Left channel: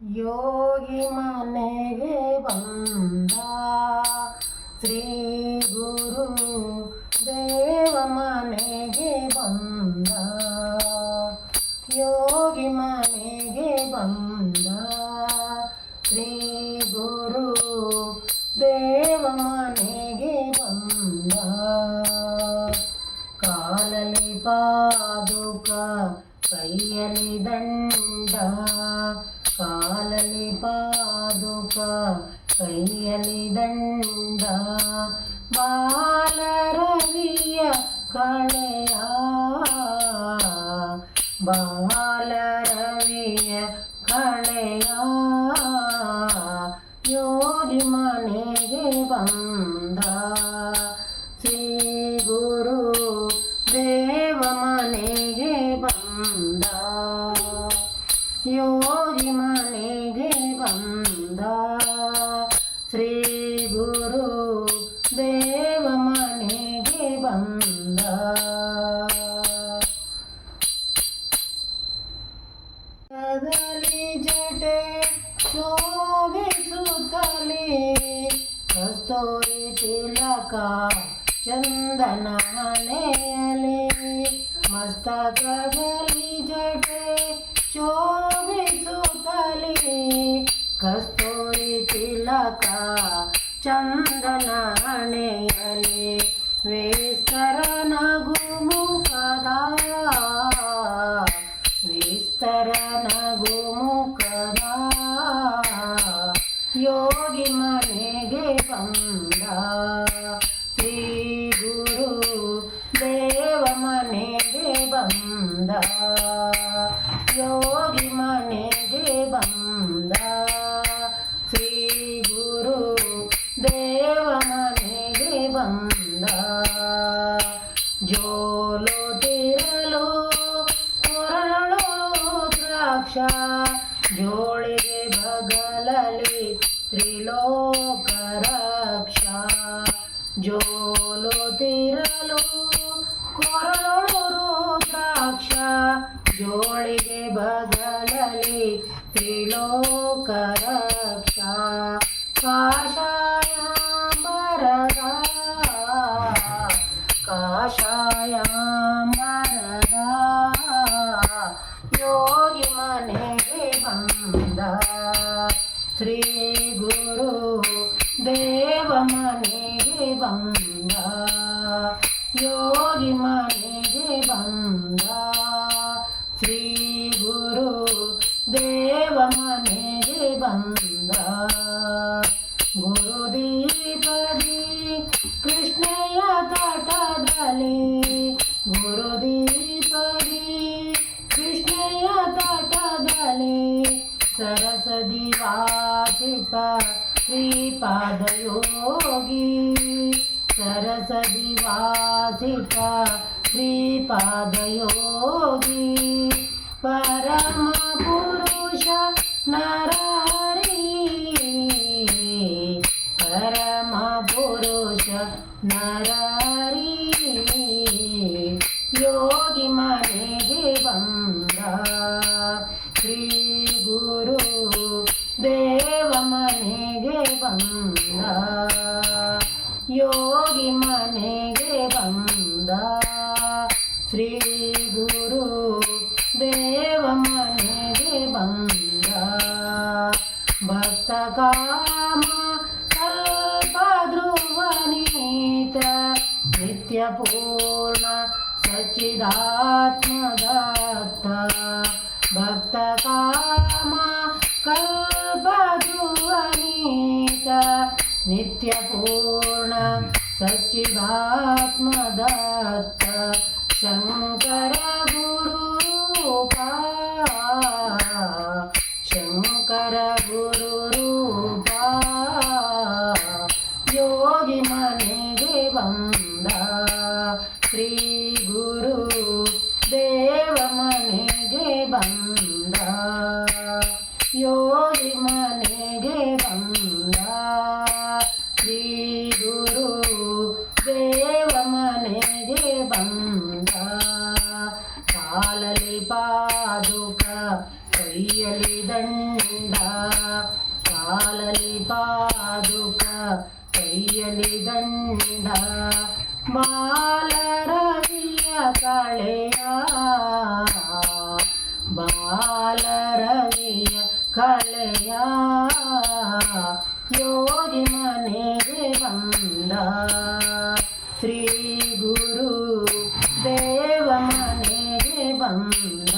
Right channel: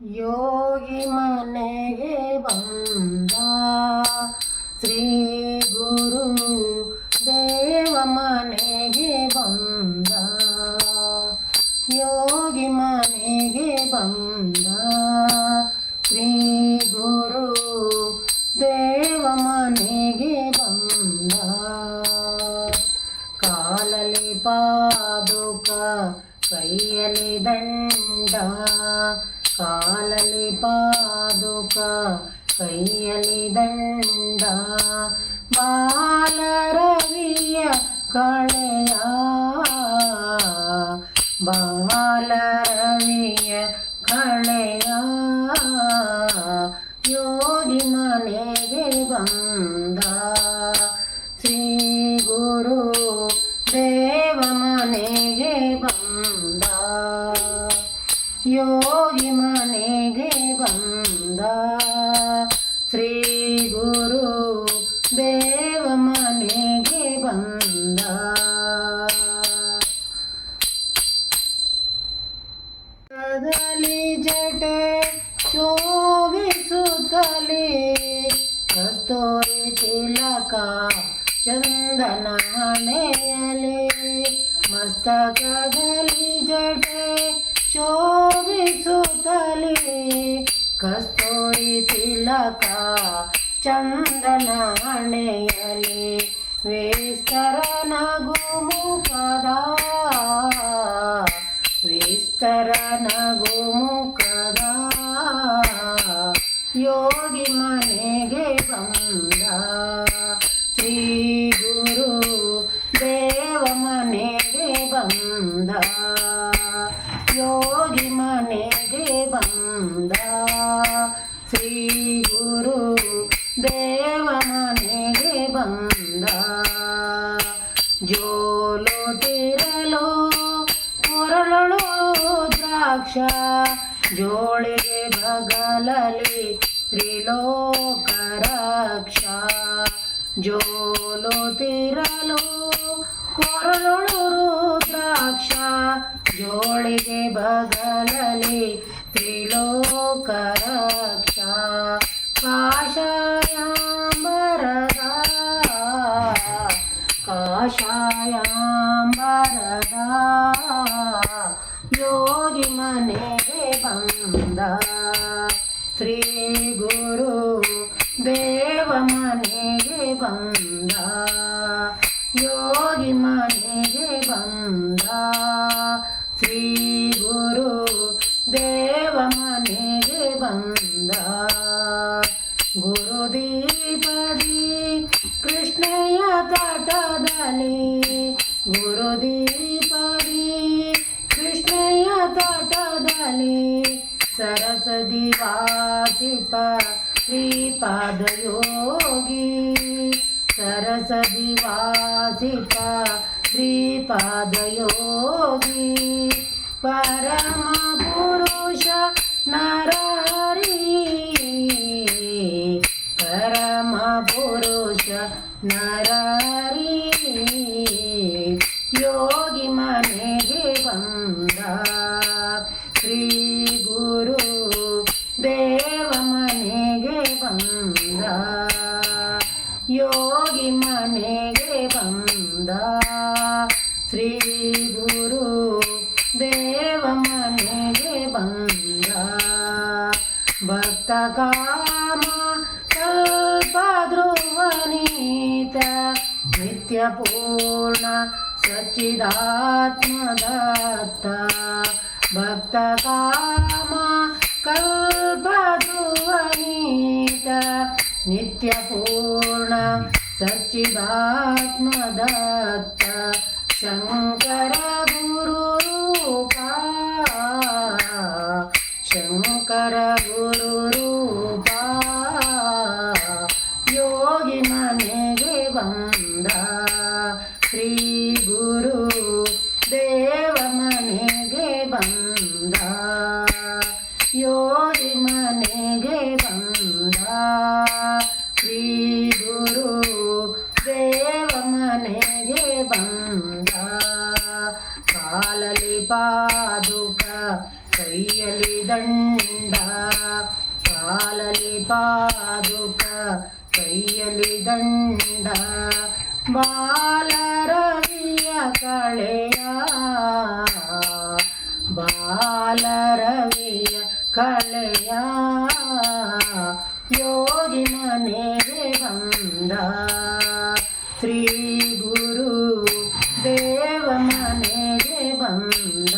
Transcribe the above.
ಯೋಗಿ ಮನೆಗೆ ಬಂದ ಶ್ರೀ ಗುರು ದೇವ ಮನೆಗೆ ಬಂದ. ಯೋಗಿ ಮನೆಗೆ ಬಂದ ಶ್ರೀ ಗುರು ದೇವ ಮನೆಗೆ ಬಂದ. ಕಾಲಲ್ಲಿ ಪಾದುಕ ಕೈಯಲ್ಲಿ ದಂಡ, ಕಾಲಲ್ಲಿ ಪಾದುಕ ಕೈಯಲ್ಲಿ ದಂಡ. ಬಾಲರವಿಯ ಕಳೆಯ, ಬಾಲರವಿಯ ಕಳೆಯ. ಯೋಗಿ ಮನೆಗೆ ಬಂದ ಶ್ರೀ ಗುರು ದೇವ ಮನೆಗೆ ಬಂದ. ಯೋಗಿ ಮನೆಗೆ ಬಂದ ಶ್ರೀ ಗುರು ದೇವ ಮನೆಗೆ ಬಂದ. ಕದಲಿ ಜಟೆ ಶೋಭಿಸುತ್ತಲೇ ಕಸ್ತೂರಿ ತಿಲಕ ಚಂದನ ಹಣೆಯಲಿ. ಮಸ್ತಕದಲ್ಲಿ ಜಟೆ ಶೋಭಿಸುತ್ತಲೇ ಕಸ್ತೂರಿ ತಿಲಕ ಚಂದನ ಹಣೆಯಲಿ. ವಿಸ್ತರ ನಗು ಮುಖದ, ವಿಸ್ತರ ನಗು ಮುಖದ. ಯೋಗಿ ಮನೆಗೆ ಬಂದ ಶ್ರೀ ಗುರು ದೇವ ಮನೆಗೆ ಬಂದ. ಯೋಗಿ ಮನೆಗೆ ಬಂದ ಶ್ರೀ ಗುರು ದೇವ ಮನೆಗೆ ಬಂದ. ಜೋಲು ತಿರಲು ಕೊರಳು ದ್ರಾಕ್ಷ, ಜೋಳಿಗೆ ಬಗಲಲಿ ತ್ರಿಲೋಕ ರಕ್ಷ. ಜೋಲು ತಿರಲು ಕೊರಳು ರುದ್ರಾಕ್ಷ, ಜೋಳಿಗೆ ಬಗಲಲಿ ತ್ರಿಲೋಕ ರಕ್ಷ. ಕಾಷಾಯಾಂಬರದ, ಕಾಷಾಯಾಂಬರದ. ಯೋಗಿ ಮನೆಗೆ ಬಂದ ಶ್ರೀ ಗುರು ದೇವ ಮನೆಗೆ ಬಂದ. ಯೋಗಿ ಮನೆಗೆ ಬಂದ ಶ್ರೀ ಗುರು ದೇವ ಮನೆಗೆ ಬಂದ. ಗುರುದೀಪದಿ ಕೃಷ್ಣಯ್ಯ ತಟದಲ್ಲಿ, ಗುರುದೀಪದಿ ಕೃಷ್ಣಯ್ಯ ತಟದಲ್ಲಿ. ಸರಸದಿ ವಾಸಿಪ ಶ್ರೀಪಾದ ಯೋಗಿ, ಸರಸದಿ ವಾಸಿಪ ಶ್ರೀಪಾದ ಯೋಗಿ. ಪರಮ ಪುರುಷ ನರಹರಿ, ಪರಮ ಪುರುಷ ನರಹರಿ. ಯೋಗಿ ಮನೆಗೆ ಬಂದ ಶ್ರೀ ಗುರು ದೇವ ಮನೆಗೆ ಬಂದ. ಯೋಗಿ ಮನೆಗೆ ಬಂದ ಶ್ರೀ ಗುರು ದೇವ ಮನೆಗೆ ಬಂದ. ಭಕ್ತ ಕಾಮ ಕಲ್ಪಧ್ರುವನೀತ, ನಿತ್ಯ ಪೂರ್ಣ ಸಚ್ಚಿದಾತ್ಮದತ್ತ. ಭಕ್ತ ಕಾಮ ಕಲ್ಪಧ್ರುವನೀತ, ನಿತ್ಯ ಪೂರ್ಣ ಸಚ್ಚಿದಾತ್ಮದತ್ತ. ಶಂಕರ ಗುರು ರೂಪ, ಶಂಕರ ಗುರು ರೂಪ. ಯೋಗಿ ಮನೆಗೆ ಬಂದ ಶ್ರೀ ಗುರು ದೇವ ಮನೆಗೆ ಬಂದ. ಯೋಗಿ ಮನೆಗೆ ಬಂದ ಶ್ರೀ ಗುರು ದೇವ ಮನೆಗೆ ಬಂದ. ಕಾಲಲಿ ಪಾದುಕ ಕೈಯಲ್ಲಿ ದಂಡ ಕಾಲಲಿ ಪಾದುಕ ಕೈಯಲಿ ದಂಡ ಬಾಲರವಿಯ ಕಳೆಯ ಬಾಲರವಿಯ ಕಳೆಯ ಯೋಗಿ ಮನೆಗೆ ಬಂದ ಶ್ರೀ ಗುರು ದೇವ ಮನೆಗೆ ಬಂದ